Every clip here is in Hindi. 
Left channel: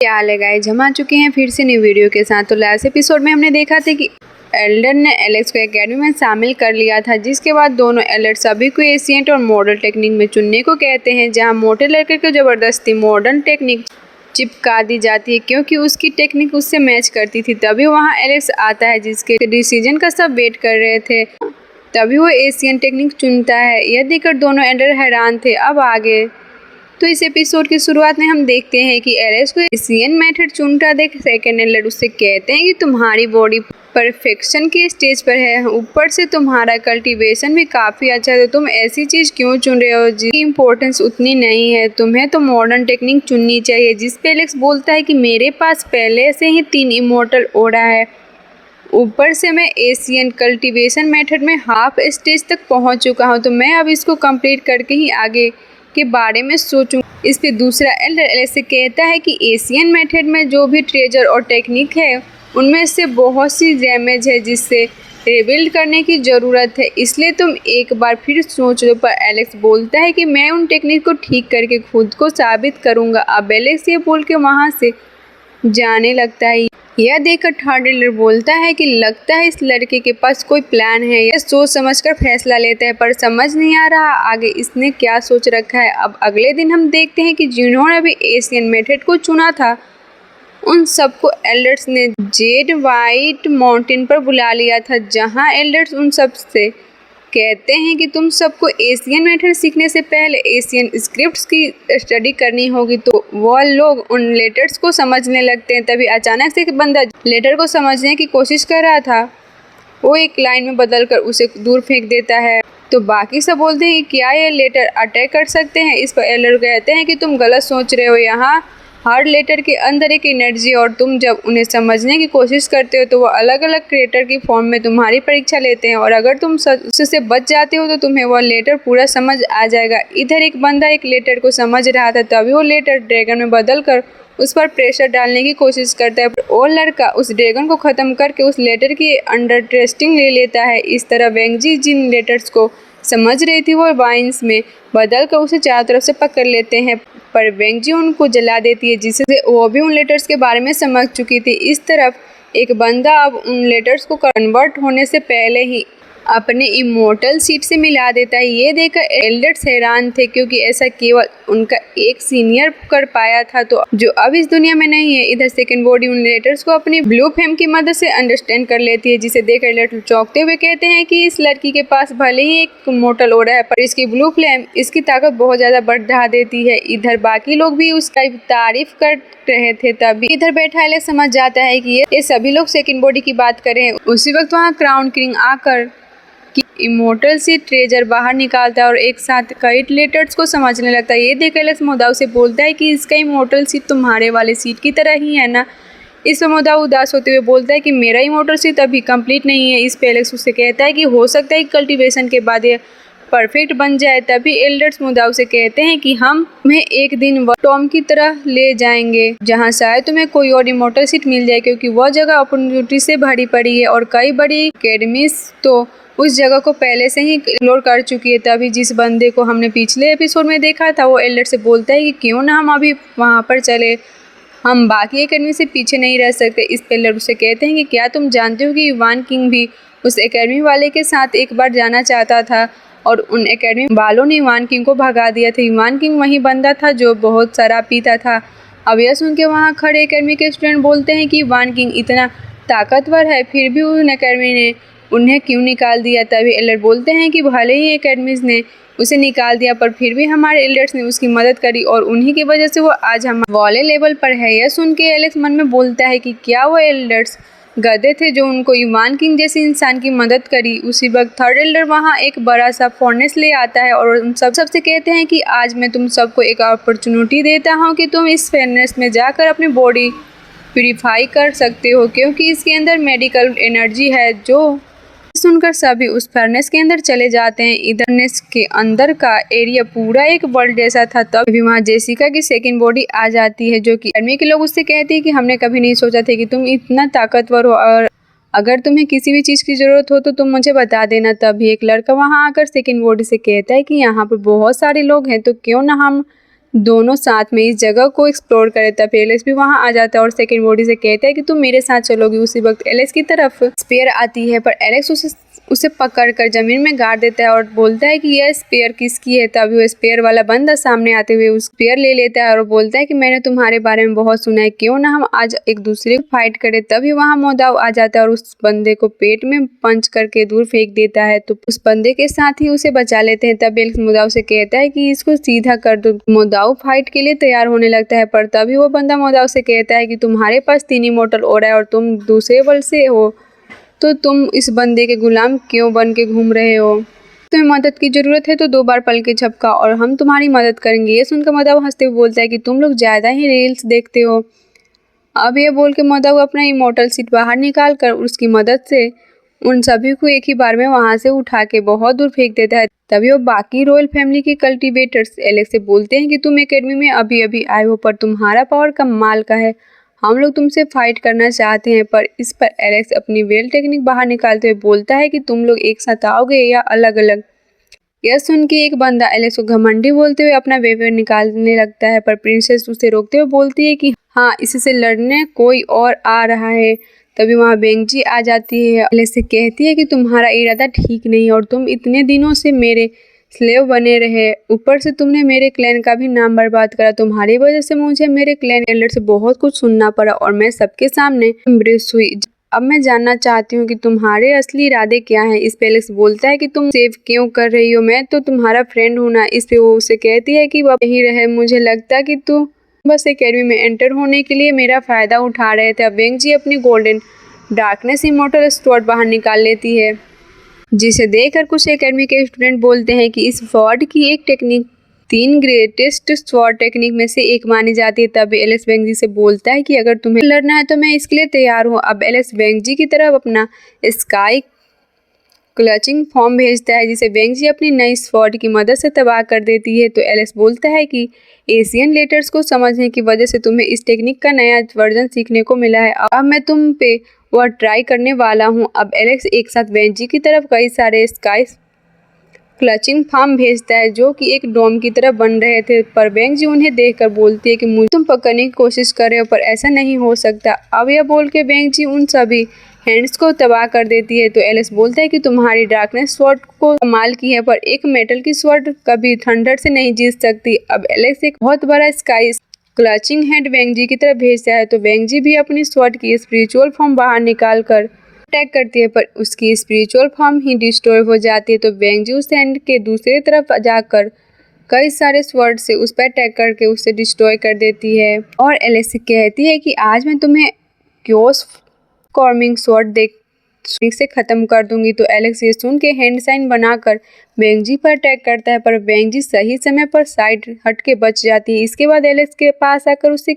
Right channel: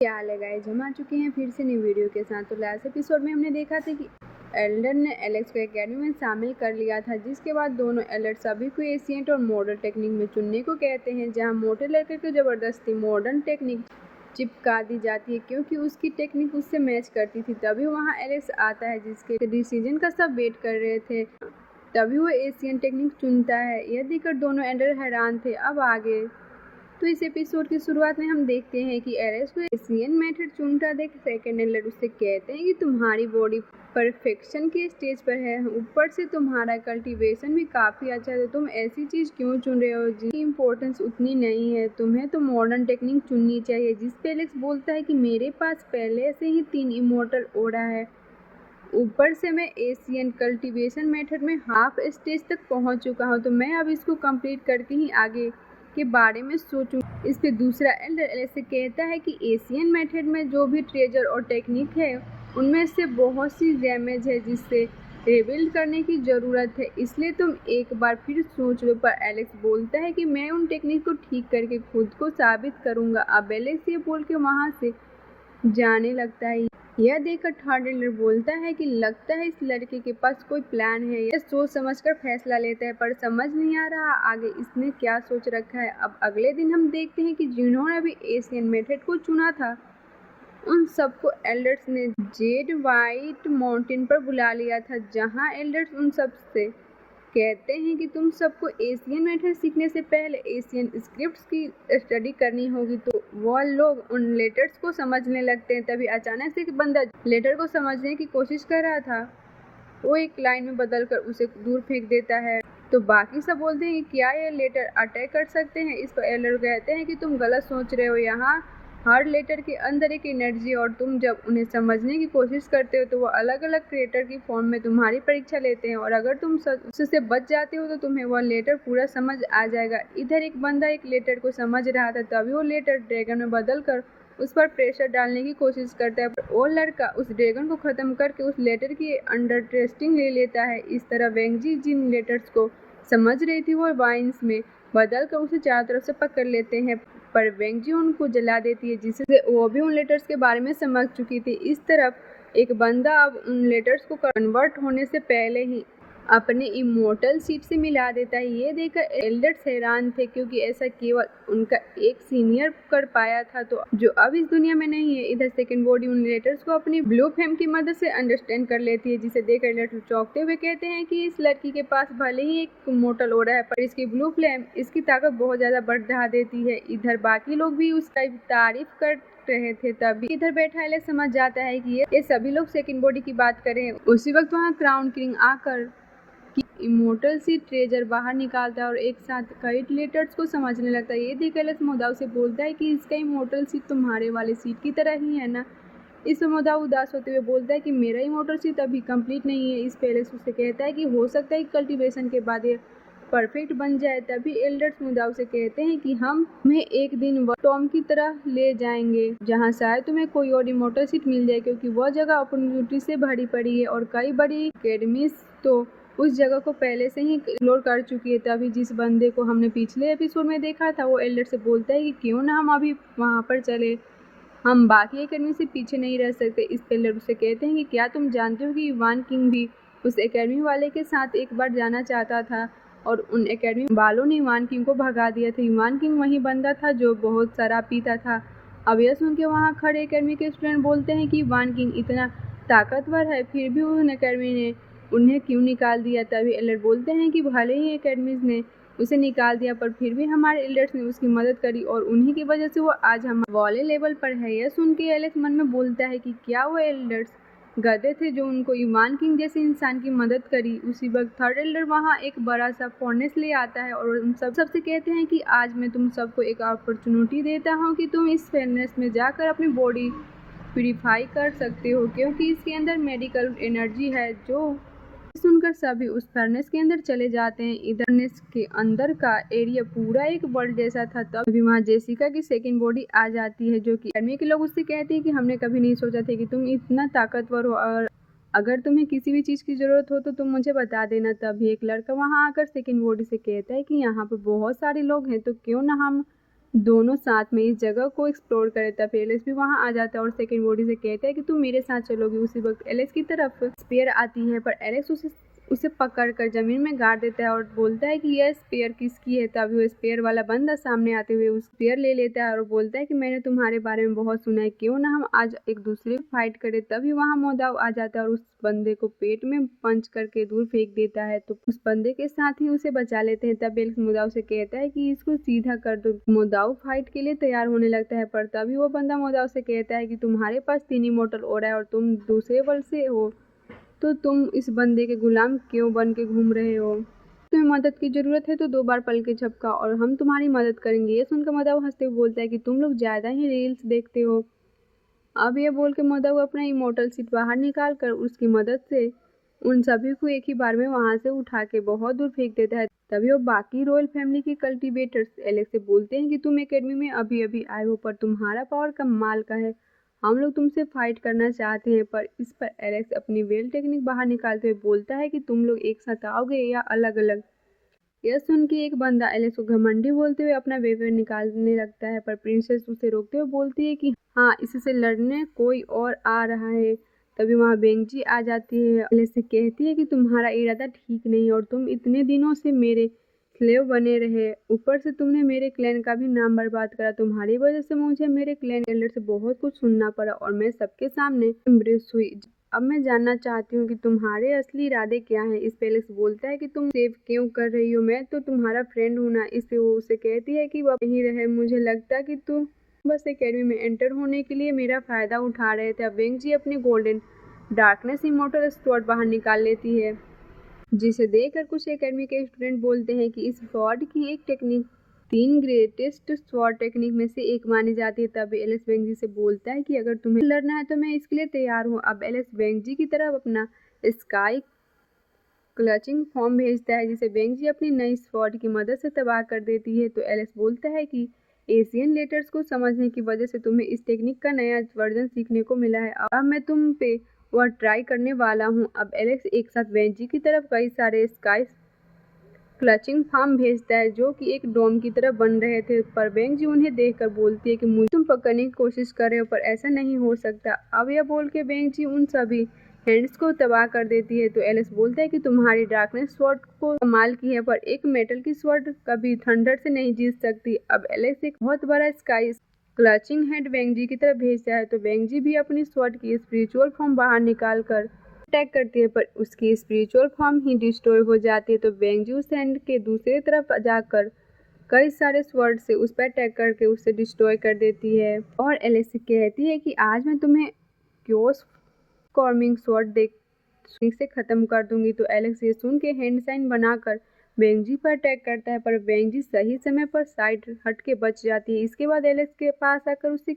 क्या हाल है गाइस, हम आ चुके हैं फिर से न्यू वीडियो के साथ। तो लास्ट एपिसोड में हमने देखा था कि एल्डर ने एलेक्स को एकेडमी में शामिल कर लिया था, जिसके बाद दोनों एल्डर सभी को एशियंट और मॉडल टेक्निक में चुनने को कहते हैं, जहां मोटे लड़के को जबरदस्ती मॉडर्न टेक्निक चिपका दी जाती है क्योंकि उसकी टेक्निक उससे मैच करती थी। तभी वहाँ एलेक्स आता है, जिसके डिसीजन का सब वेट कर रहे थे। तभी वो एशियन टेक्निक चुनता है। यह देखकर दोनों एल्डर हैरान थे। अब आगे तो इस एपिसोड की शुरुआत में हम देखते हैं कि एलेक्स को एशियन मेथड चुनता देख सेकेंड एल्डर उससे कहते हैं कि तुम्हारी बॉडी परफेक्शन के स्टेज पर है, ऊपर से तुम्हारा कल्टीवेशन भी काफ़ी अच्छा है, तो तुम ऐसी चीज़ क्यों चुन रहे हो जिसकी इम्पोर्टेंस उतनी नहीं है। तुम्हें तो मॉडर्न टेक्निक चुननी चाहिए। जिस पे एलेक्स बोलता है कि मेरे पास पहले से ही 3 इमोर्टल ओरा है, ऊपर से मैं एशियन कल्टीवेशन मेथड में हाफ स्टेज तक पहुंच चुका हूं, तो मैं अब इसको कंप्लीट करके ही आगे के बारे में सोचूं। इस पे दूसरा एल्डर एलेक्स से कहता है कि एशियन मेथड में जो भी ट्रेजर और टेक्निक है, उनमें से बहुत सी डैमेज है जिससे रिबिल्ड करने की ज़रूरत है, इसलिए तुम एक बार फिर सोच लो। पर एलेक्स बोलता है कि मैं उन टेक्निक को ठीक करके खुद को साबित करूँगा। अब एलेक्स ये बोल के वहाँ से जाने लगता है। यह देखकर थर्ड एल्डर बोलता है कि लगता है इस लड़के के पास कोई प्लान है। यह सोच समझकर फैसला लेता है, पर समझ नहीं आ रहा आगे इसने क्या सोच रखा है। अब अगले दिन हम देखते हैं कि जिन्होंने भी एशियन मेथड को चुना था, उन सबको एल्डर्स ने जेड वाइट माउंटेन पर बुला लिया था, जहां एल्डर्स उन सब से कहते हैं कि तुम सबको एशियन मेथड सीखने से पहले एशियन स्क्रिप्ट्स की स्टडी करनी होगी। तो वह लोग उन लेटर्स को समझने लगते हैं। तभी अचानक से एक बंदा लेटर को समझने की कोशिश कर रहा था, वो एक लाइन में बदलकर उसे दूर फेंक देता है। तो बाकी सब बोलते हैं कि क्या ये लेटर अटैक कर सकते हैं। इस पर एल्डर कहते हैं कि तुम गलत सोच रहे हो, यहाँ हर लेटर के अंदर एक एनर्जी, और तुम जब उन्हें समझने की कोशिश करते हो तो वो अलग अलग क्रिएटर की फॉर्म में तुम्हारी परीक्षा लेते हैं, और अगर तुम उससे बच जाते हो तो तुम्हें वह लेटर पूरा समझ आ जाएगा। इधर एक बंदा एक लेटर को समझ रहा था, तभी वो लेटर ड्रैगन में बदल कर उस पर प्रेशर डालने की कोशिश करता है। वो लड़का उस ड्रैगन को ख़त्म करके उस लेटर की अंडरस्टैंडिंग ले लेता है। इस तरह वेंगजी जिन लेटर्स को समझ रही थी, वो वाइन्स में बदल कर उसे चारों तरफ से पकड़ लेते हैं, पर वेंगजी उनको जला देती है, जिससे वो भी उन लेटर्स के बारे में समझ चुकी थी। इस तरफ एक बंदा अब उन लेटर्स को कन्वर्ट होने से पहले ही अपने इमोर्टल सीट से मिला देता है। ये देखकर एल्डर्स हैरान थे, क्योंकि ऐसा केवल उनका एक सीनियर कर पाया था, तो जो अब इस दुनिया में नहीं है। इधर सेकंड बॉडी उन लेटर्स को अपनी ब्लू फ्लेम की मदद से अंडरस्टैंड कर लेती है, जिसे देख एल्डर चौंकते हुए कहते हैं कि इस लड़की के पास भले ही एक इमोर्टल ओरा है, पर इसकी ब्लू फ्लेम इसकी ताकत बहुत ज्यादा बढ़ा देती है। इधर बाकी लोग भी उसका तारीफ कर रहे थे। तभी इधर बैठा एलेक्स समझ जाता है कि ये सभी लोग सेकंड बॉडी की बात करें। उसी वक्त वहाँ क्राउन किंग आकर कि इमोर्टल से ट्रेजर बाहर निकालता है और एक साथ कई लेटर्स को समझने लगता है। ये देख एलेक्स मोदाव से बोलता है कि इसका इमोर्टल सीट तुम्हारे वाले सीट की तरह ही है ना। इस पर मोदाव उदास होते हुए बोलता है कि मेरा इमोर्टल सीट अभी कंप्लीट नहीं है। इस पर एलेक्स उससे कहता है कि हो सकता है कल्टीवेशन के बाद ये परफेक्ट बन जाए। तभी एल्डर्स मुदाव से कहते हैं कि हम तुम्हें एक दिन टॉम की तरह ले जाएंगे, जहां शायद तुम्हें कोई और इमोर्टल सीट मिल जाए, क्योंकि वह जगह अपॉर्चुनिटी से भरी पड़ी है और कई बड़ी एकेडमीज तो उस जगह को पहले से ही एक्सप्लोर कर चुकी है। तभी जिस बंदे को हमने पिछले एपिसोड में देखा था, वो एल्डर से बोलता है कि क्यों ना हम अभी वहाँ पर चले, हम बाकी एकेडमी से पीछे नहीं रह सकते। इस पे एल्डर से कहते हैं कि क्या तुम जानते हो कि इवान किंग भी उस एकेडमी वाले के साथ एक बार जाना चाहता था, और उन एकेडमी वालों ने इवान किंग को भगा दिया था। इवान किंग वही बंदा था जो बहुत शराब पीता था। अब यह सुन के वहाँ खड़े एकेडमी के स्टूडेंट बोलते हैं कि इवान किंग इतना ताकतवर है, फिर भी उन एकेडमी ने उन्हें क्यों निकाल दिया। तभी एल्डर बोलते हैं कि भले ही एकेडमीज ने उसे निकाल दिया, पर फिर भी हमारे एल्डर्स ने उसकी मदद करी, और उन्हीं की वजह से वो आज हम वाले लेवल पर है। यह सुन के एलेक्स मन में बोलता है कि क्या वो एल्डर्स गधे थे जो उनको इवान किंग जैसे इंसान की मदद करी। उसी वक्त थर्ड एल्डर वहाँ एक बड़ा सा फर्नेस ले आता है और उन सबसे कहते हैं कि आज मैं तुम सबको एक अपॉर्चुनिटी देता हूँ कि तुम इस फर्नेस में जाकर अपनी बॉडी प्यूरिफाई कर सकते हो, क्योंकि इसके अंदर मेडिकल एनर्जी है। जो सुनकर सभी उस फर्नेस के अंदर चले जाते हैं। इधर फर्नेस के अंदर का एरिया पूरा एक वर्ल्ड जैसा था। तभी वहाँ जेसिका की सेकंड बॉडी आ जाती है, जो कि आर्मी के लोग उससे कहते हैं कि हमने कभी नहीं सोचा था कि तुम इतना ताकतवर हो, और अगर तुम्हें किसी भी चीज़ की ज़रूरत हो तो तुम मुझे बता देना। तभी एक लड़का वहाँ आकर सेकंड बॉडी से कहता है कि यहाँ पर बहुत सारे लोग हैं, तो क्यों ना हम दोनों साथ में इस जगह को एक्सप्लोर करे। तब एलेक्स भी वहाँ आ जाता है और सेकंड बॉडी से कहता है कि तुम मेरे साथ चलोगी। उसी वक्त एलेक्स की तरफ स्पेयर आती है, पर एलेक्स उसे पकड़कर जमीन में गाड़ देता है और बोलता है कि यह स्पेयर किसकी है। तभी वो स्पेयर वाला बंदा सामने आते हुए उस स्पेयर ले लेता है और बोलता है कि मैंने तुम्हारे बारे में बहुत सुना है, क्यों ना हम आज एक दूसरे को फाइट करें। तभी वहाँ मोदाव आ जाता है और उस बंदे को पेट में पंच करके दूर फेंक देता है। तो उस बंदे के साथ ही उसे बचा लेते हैं। तब एलेक्स मोदाव से कहता है कि इसको सीधा कर दो। मोदाव फाइट के लिए तैयार होने लगता है, पर तभी वो बंदा मोदाव से कहता है कि तुम्हारे पास 3 इमोर्टल ऑरा है और तुम दूसरे वर्ल्ड से हो, तो तुम इस बंदे के गुलाम क्यों बन के घूम रहे हो? तुम्हें मदद की जरूरत है तो 2 बार पल के झपका और हम तुम्हारी मदद करेंगे। ये सुनकर मोदाव हंसते हुए बोलता है कि तुम लोग ज़्यादा ही रील्स देखते हो। अब ये बोल के मोदाव अपना इमोर्टल सीट बाहर निकाल कर उसकी मदद से उन सभी को एक ही बार में वहाँ से उठा के बहुत दूर फेंक देता है। तभी वो बाकी रॉयल फैमिली के कल्टीवेटर्स एलेक्स से बोलते हैं कि तुम एकेडमी में अभी अभी आए हो, पर तुम्हारा पावर कमाल का है। हम लोग तुमसे फाइट करना चाहते हैं। पर इस पर एलेक्स अपनी वेल टेक्निक बाहर निकालते हुए बोलता है कि तुम लोग एक साथ आओगे या अलग अलग। यह सुन के एक बंदा एलेक्स को घमंडी बोलते हुए अपना वेपर निकालने लगता है, पर प्रिंसेस उसे रोकते हुए बोलती है कि हाँ, इससे लड़ने कोई और आ रहा है। तभी वहाँ बेंगजी आ जाती है। एलेक्स से कहती है कि तुम्हारा इरादा ठीक नहीं और तुम इतने दिनों से मेरे स्लेव बने रहे, ऊपर से तुमने मेरे क्लैन का भी नाम बर्बाद करा। तुम्हारी वजह से मुझे मेरे क्लैन एल्डर से बहुत कुछ सुनना पड़ा और मैं सबके सामने एम्ब्रेस हुई। अब मैं जानना चाहती हूँ कि तुम्हारे असली इरादे क्या हैं। इस पे एलेक्स बोलता है कि तुम सेव क्यों कर रही हो, मैं तो तुम्हारा फ्रेंड हूँ ना। इस पे वो उसे कहती है कि वह यही रहे, मुझे लगता कि तू बस एकेडमी में एंटर होने के लिए मेरा फ़ायदा उठा रहे थे। अब वेंगजी अपनी गोल्डन डार्कनेस इमोर्टल स्वॉर्ड बाहर निकाल लेती है, जिसे देखकर कुछ एकेडमी के स्टूडेंट बोलते हैं कि इस स्वॉर्ड की एक टेक्निक 3 ग्रेटेस्ट स्वॉर्ड टेक्निक में से एक मानी जाती है। तब एलेक्स वेंगजी से बोलता है कि अगर तुम्हें लड़ना है तो मैं इसके लिए तैयार हूँ। अब एलेक्स वेंगजी की तरफ अपना स्काई क्लचिंग फॉर्म भेजता है, जिसे वेंगजी अपनी नई स्वॉर्ड की मदद से तबाह कर देती है। तो एलेक्स बोलता है कि एशियन लेटर्स को समझने की वजह से तुम्हें इस टेक्निक का नया वर्जन सीखने को मिला है। अब मैं तुम पे वह ट्राई करने वाला हूँ। अब एलेक्स एक साथ वेंगजी की तरफ कई सारे स्काई क्लचिंग फार्म भेजता है, जो कि एक डोम की तरह बन रहे थे। पर वेंगजी उन्हें देखकर बोलती है कि मुझे तुम पकड़ने की कोशिश कर रहे हो, पर ऐसा नहीं हो सकता। अब यह बोल के वेंगजी उन सभी हैंड्स को तबाह कर देती है। तो एलेक्स बोलता है कि तुम्हारी डार्कनेस स्वॉर्ड को कमाल की है, पर एक मेटल की स्वॉर्ड कभी थंडर से नहीं जीत सकती। अब एलेक्स एक बहुत बड़ा स्काई क्लचिंग हैंड वेंगजी की तरफ भेजता है, तो वेंगजी भी अपनी स्वॉर्ड की स्पिरिचुअल फॉर्म बाहर निकाल कर अटैक करती है, पर उसकी स्पिरिचुअल फॉर्म ही डिस्ट्रॉय हो जाती है। तो वेंगजी उस हैंड के दूसरी तरफ जाकर कई सारे स्वॉर्ड से उस पर अटैक करके उसे डिस्ट्रॉय कर देती है और एलेक्स से कहती है कि आज मैं तुम्हें क्योस कॉर्मिंग स्वॉर्ड देख से खत्म कर दूंगी। तो एलेक्स ये सुन के हैंड साइन बनाकर वेंगजी पर अटैक करता है, पर वेंगजी सही समय पर साइड हट के बच जाती है। इसके बाद एलेक्स के पास आकर उसे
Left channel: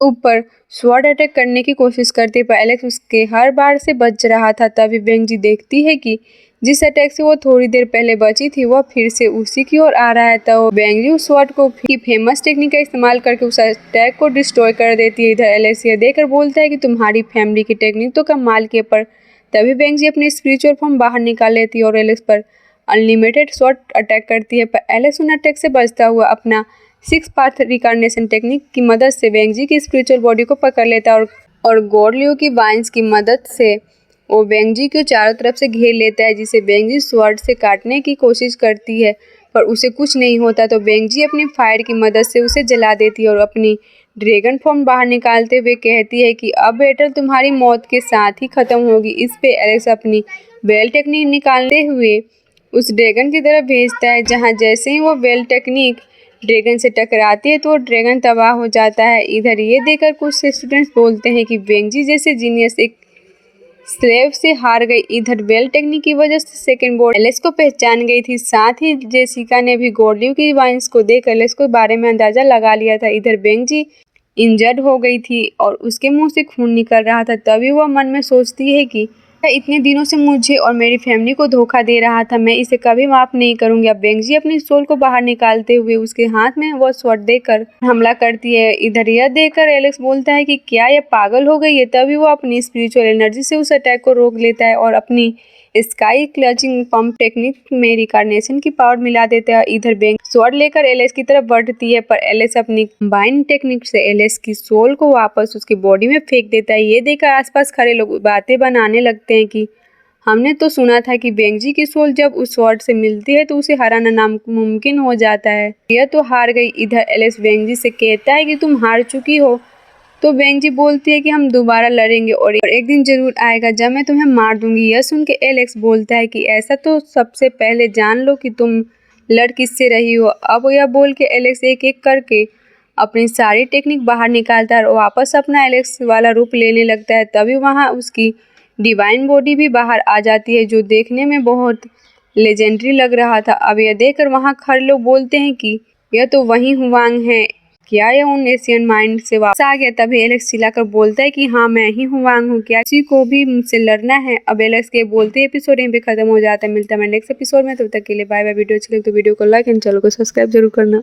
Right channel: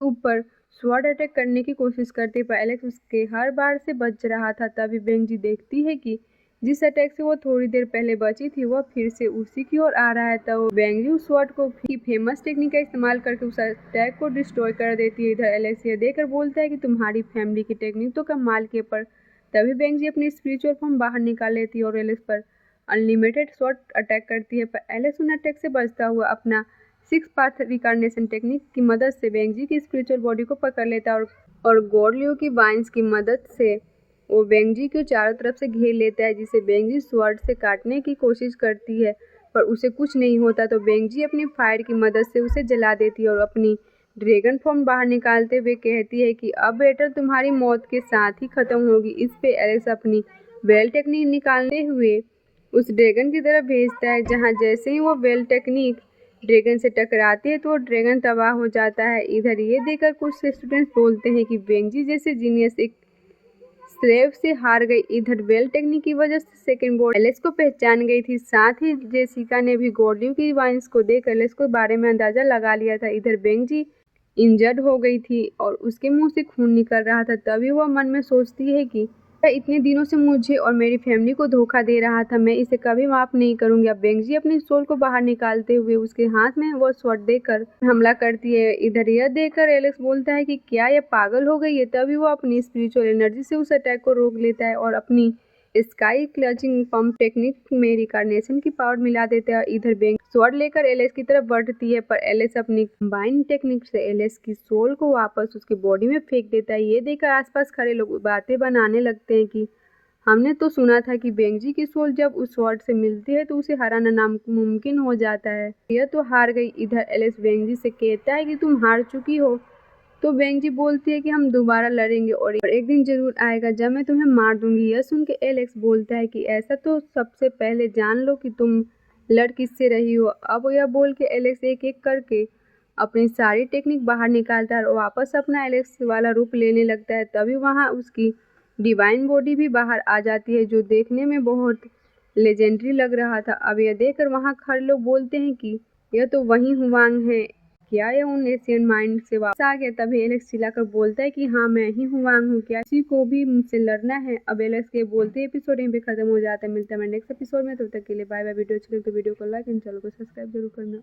ऊपर स्वॉर्ड अटैक करने की कोशिश करती है, पर एलेक्स उसके हर बार से बच रहा था। तभी वेंगजी देखती है कि जिस अटैक से वो थोड़ी देर पहले बची थी वह फिर से उसी की ओर आ रहा है। तो वेंगजी उस स्वॉर्ड को फेमस टेक्निक का इस्तेमाल करके उस अटैक को डिस्ट्रॉय कर देती है। इधर एलेक्स यह देखकर बोलता है कि तुम्हारी फैमिली की टेक्निक तो कमाल की है, पर तभी वेंगजी अपनी स्पिरिचुअल फॉर्म बाहर निकाल लेती है और एलेक्स पर अनलिमिटेड स्वॉर्ड अटैक करती है। पर एलेक्स उन अटैक से बचता हुआ अपना 6 पाथ रिकार्नेशन टेक्निक की मदद से वेंगजी की स्पिरिचुअल बॉडी को पकड़ लेता है और गोरलियो की वाइन्स की मदद से वो वेंगजी को चारों तरफ से घेर लेता है, जिसे वेंगजी स्वॉर्ड से काटने की कोशिश करती है, पर उसे कुछ नहीं होता। तो वेंगजी अपनी फायर की मदद से उसे जला देती है और अपनी ड्रैगन फॉर्म बाहर निकालते हुए कहती है कि अब बैटल तुम्हारी मौत के साथ ही खत्म होगी। इस पे एलेक्स अपनी वेल टेक्निक निकालते हुए उस ड्रैगन की तरफ भेजता है, जहाँ जैसे ही वो वेल टेक्निक ड्रैगन से टकराती है तो ड्रैगन तबाह हो जाता है। इधर ये देखकर कुछ स्टूडेंट्स बोलते हैं कि वेंगजी जैसे जीनियस एक स्लेव से हार गई। इधर वेल टेक्निक की वजह से सेकंड बोर्ड एलेक्स को पहचान गई थी। साथ ही जेसिका ने भी गोरलियो की वाइन्स को देख एलेक्स के बारे में अंदाजा लगा लिया था। इधर वेंगजी इंजर्ड हो गई थी और उसके मुंह से खून निकल रहा था। तभी वह मन में सोचती है कि इतने दिनों से मुझे और मेरी फैमिली को धोखा दे रहा था, मैं इसे कभी माफ नहीं करूंगी। अब वेंगजी अपनी सोल को बाहर निकालते हुए उसके हाथ में वो स्वॉर्ड देकर हमला करती है। इधर यह देखकर एलेक्स बोलता है कि क्या यह पागल हो गई है। तभी वो अपनी स्पिरिचुअल एनर्जी से उस अटैक को रोक लेता है और अपनी स्काई क्लचिंग पंप टेक्निक में रिकार्नेशन की पावर मिला देता है। इधर बेंग स्वॉर्ड लेकर एलेक्स की तरफ बढ़ती है, पर एलेक्स अपनी कंबाइन टेक्निक से एलेक्स की सोल को वापस उसकी बॉडी में फेंक देता है। ये देखकर आसपास खड़े लोग बातें बनाने लगते हैं कि हमने तो सुना था कि बेंगजी की सोल जब उस स्वॉर्ड से मिलती है तो उसे हराना नामुमकिन हो जाता है। यह तो हार गई। इधर एलेक्स बेंगजी से कहता है कि तुम हार चुकी हो, तो बेंगजी बोलती है कि हम दोबारा लड़ेंगे और एक दिन जरूर आएगा जब मैं तुम्हें मार दूंगी। यह सुन के एलेक्स बोलता है कि ऐसा तो सबसे पहले जान लो कि तुम लड़ किससे रही हो। अब यह बोल के एलेक्स एक एक करके अपनी सारी टेक्निक बाहर निकालता है और वापस अपना एलेक्स वाला रूप लेने लगता है। तभी वहाँ उसकी डिवाइन बॉडी भी बाहर आ जाती है, जो देखने में बहुत लेजेंडरी लग रहा था। अब यह देखकर वहाँ खड़े लोग बोलते हैं कि यह तो वही हुवांग है, क्या यह उन एशियन माइंड से वापस आ गया। तभी एलेक्स चिल्लाकर बोलता है कि हाँ, मैं ही हुवांग हूँ, क्या किसी को भी मुझसे लड़ना है। अब एलेक्स के बोलते एपिसोड यहीं पे खत्म हो जाता है। मिलता है नेक्स्ट एपिसोड में, तब तक के लिए बाय बाय। वीडियो अच्छी लगे तो वीडियो को लाइक एंड चैनल को सब्सक्राइब जरूर करना।